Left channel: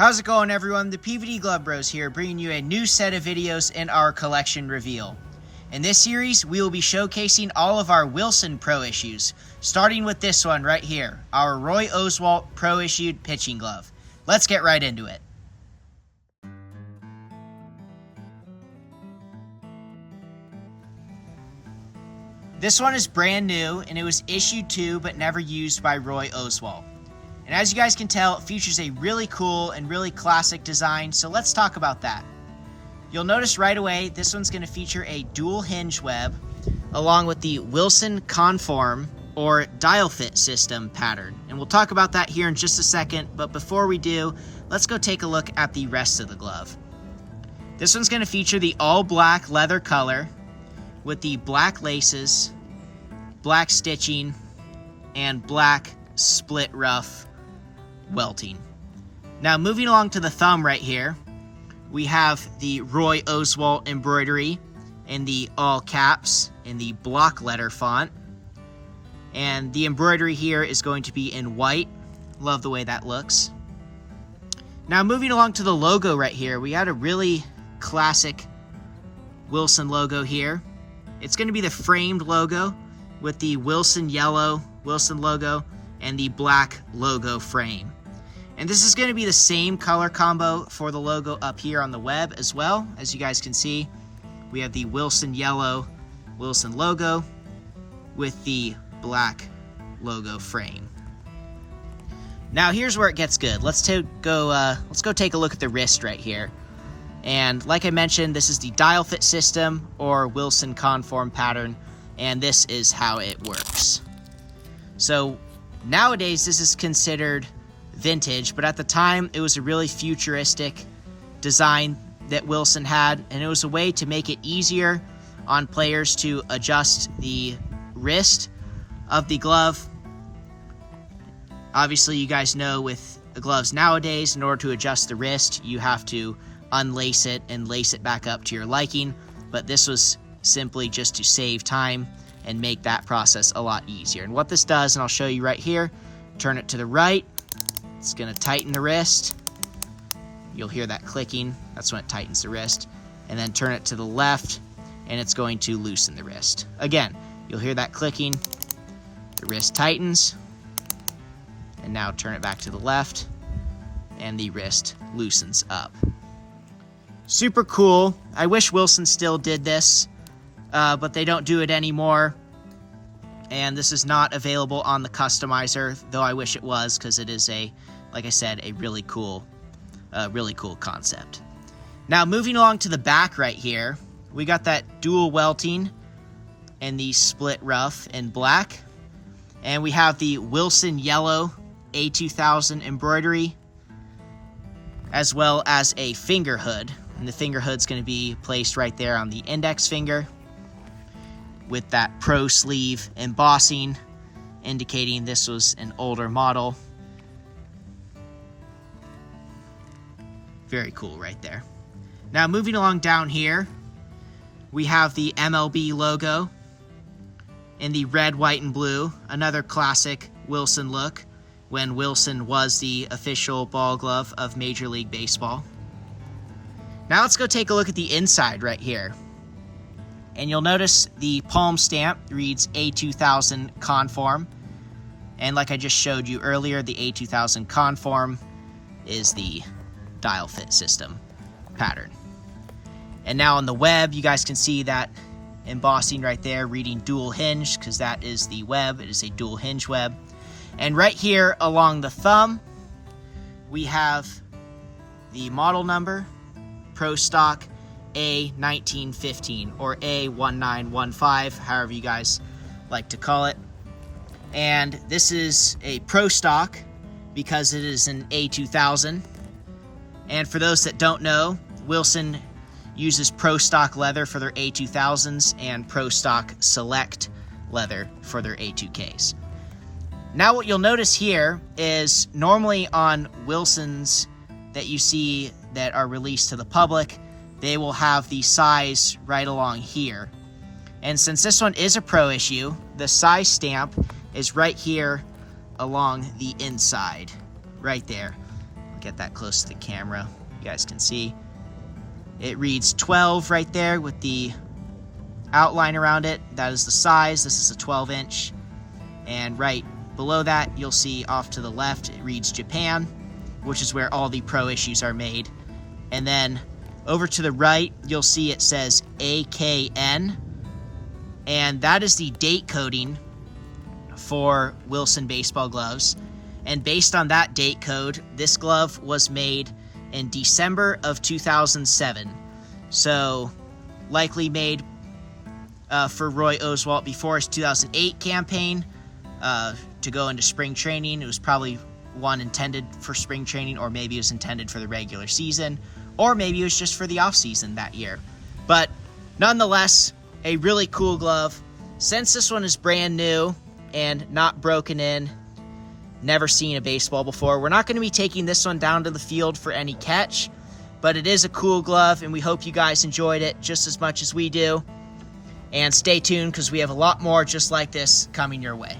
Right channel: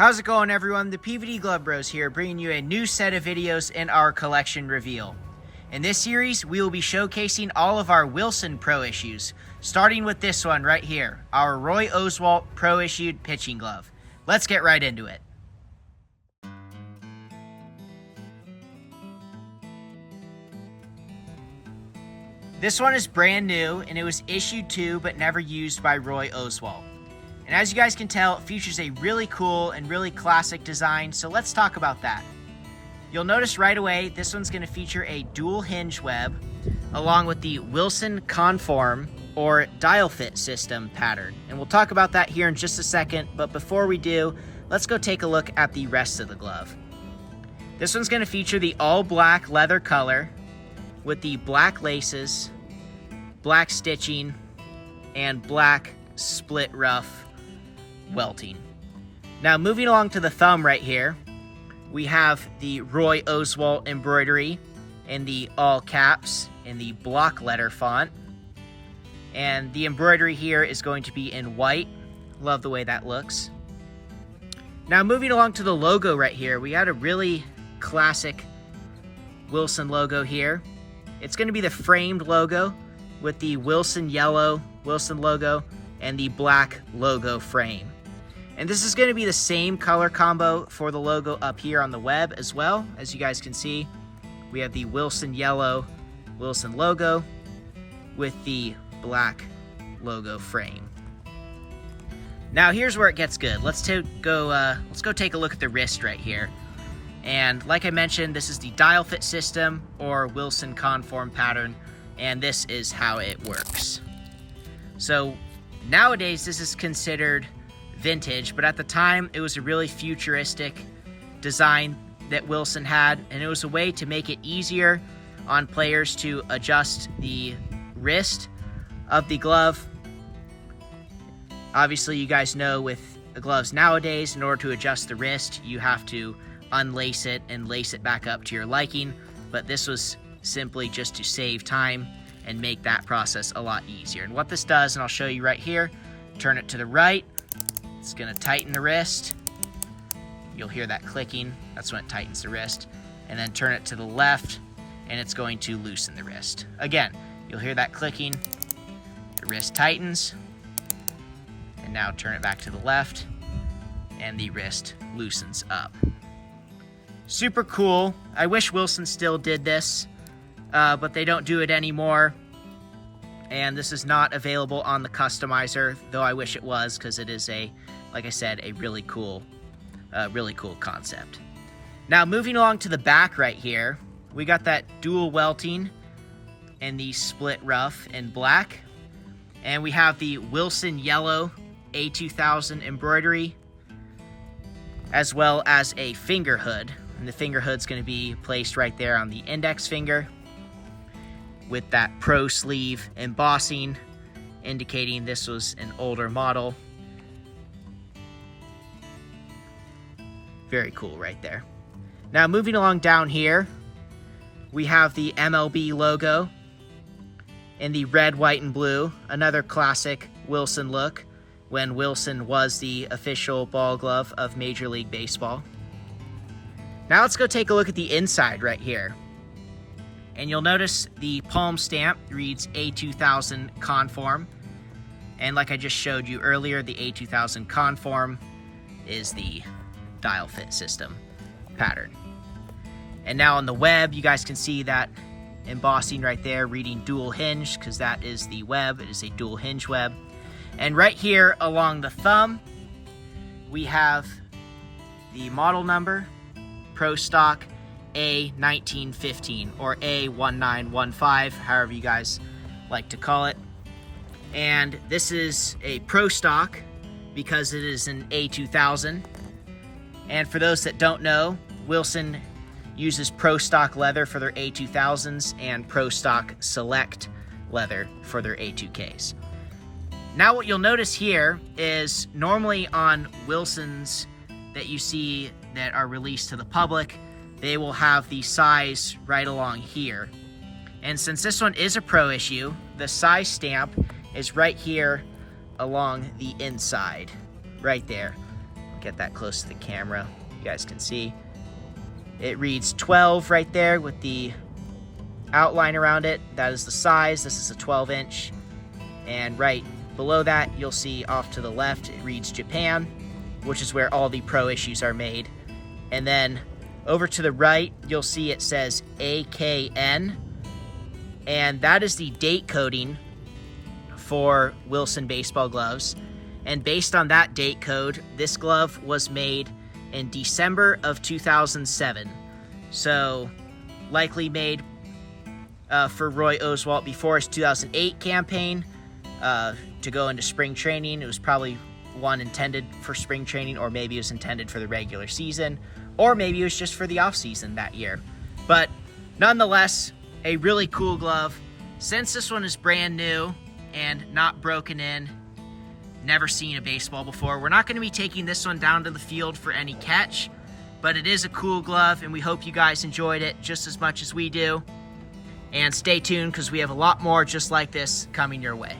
How's it going, everyone? The PVD Glove Bros here, bringing you a new set of videos in our collection reveal. In this series, we will be showcasing all of our Wilson Pro issues, starting with this one right here, our Roy Oswalt Pro Issued Pitching Glove. Let's get right into it. This one is brand new, and it was issued to but never used by Roy Oswalt. And as you guys can tell, it features a really cool and really classic design, so let's talk about that. You'll notice right away, this one's going to feature a dual hinge web, along with the Wilson Conform, or dial fit system pattern. And we'll talk about that here in just a second, but before we do, let's go take a look at the rest of the glove. This one's going to feature the all black leather color, with the black laces, black stitching, and black split rough welting. Now moving along to the thumb right here, we have the Roy Oswalt embroidery in the all caps in the block letter font. And the embroidery here is going to be in white. Love the way that looks. Now moving along to the logo right here, we had a really classic Wilson logo here. It's going to be the framed logo with the Wilson yellow Wilson logo and the black logo frame. And this is going to be the same color combo for the logo up here on the web as well. As you guys can see, we have the Wilson yellow Wilson logo with the black logo frame. Now here's where it gets good. Let's go take a look at the wrist right here. And like I mentioned, this is the dial fit system or Wilson Conform pattern, and this is how it works. So nowadays this is considered vintage, but at the time it was a really futuristic design that Wilson had, and it was a way to make it easier on players to adjust the wrist of the glove. Obviously, you guys know with the gloves nowadays, in order to adjust the wrist, you have to unlace it and lace it back up to your liking, but this was simply just to save time and make that process a lot easier. And what this does, and I'll show you right here, turn it to the right, it's going to tighten the wrist. You'll hear that clicking, that's when it tightens the wrist. And then turn it to the left, and it's going to loosen the wrist. Again, you'll hear that clicking, the wrist tightens, and now turn it back to the left, and the wrist loosens up. Super cool. I wish Wilson still did this, but they don't do it anymore. And this is not available on the customizer, though I wish it was, because it is like I said, a really cool concept. Now moving along to the back right here, we got that dual welting and the split rough in black. And we have the Wilson yellow A2000 embroidery, as well as a finger hood. And the finger hood's going to be placed right there on the index finger, with that pro sleeve embossing, indicating this was an older model. Very cool right there. Now moving along down here, we have the MLB logo in the red, white, and blue. Another classic Wilson look when Wilson was the official ball glove of Major League Baseball. Now let's go take a look at the inside right here. And you'll notice the palm stamp reads A2000 Conform. And like I just showed you earlier, the A2000 Conform is the dial fit system pattern. And now on the web, you guys can see that embossing right there reading dual hinge, because that is the web. It is a dual hinge web. And right here along the thumb, we have the model number, Pro Stock A1915 or A1915, however you guys like to call it. And this is a Pro Stock because it is an A2000. And for those that don't know, Wilson uses Pro Stock leather for their A2000s and Pro Stock Select leather for their A2Ks. Now what you'll notice here is normally on Wilsons that you see that are released to the public, they will have the size right along here. And since this one is a pro issue, the size stamp is right here along the inside, right there. get that close to the camera. You guys can see. It reads 12 right there with the outline around it. That is the size. This is a 12-inch. And right below that, you'll see off to the left, it reads Japan, which is where all the pro issues are made. And then over to the right, you'll see it says AKN, and that is the date coding for Wilson baseball gloves. And based on that date code, this glove was made in December of 2007. So likely made for Roy Oswalt before his 2008 campaign to go into spring training. It was probably one intended for spring training, or maybe it was intended for the regular season, or maybe it was just for the off season that year. But nonetheless, a really cool glove. Since this one is brand new and not broken in, never seen a baseball before, we're not going to be taking this one down to the field for any catch, but it is a cool glove, and we hope you guys enjoyed it just as much as we do. And stay tuned, because we have a lot more just like this coming your way.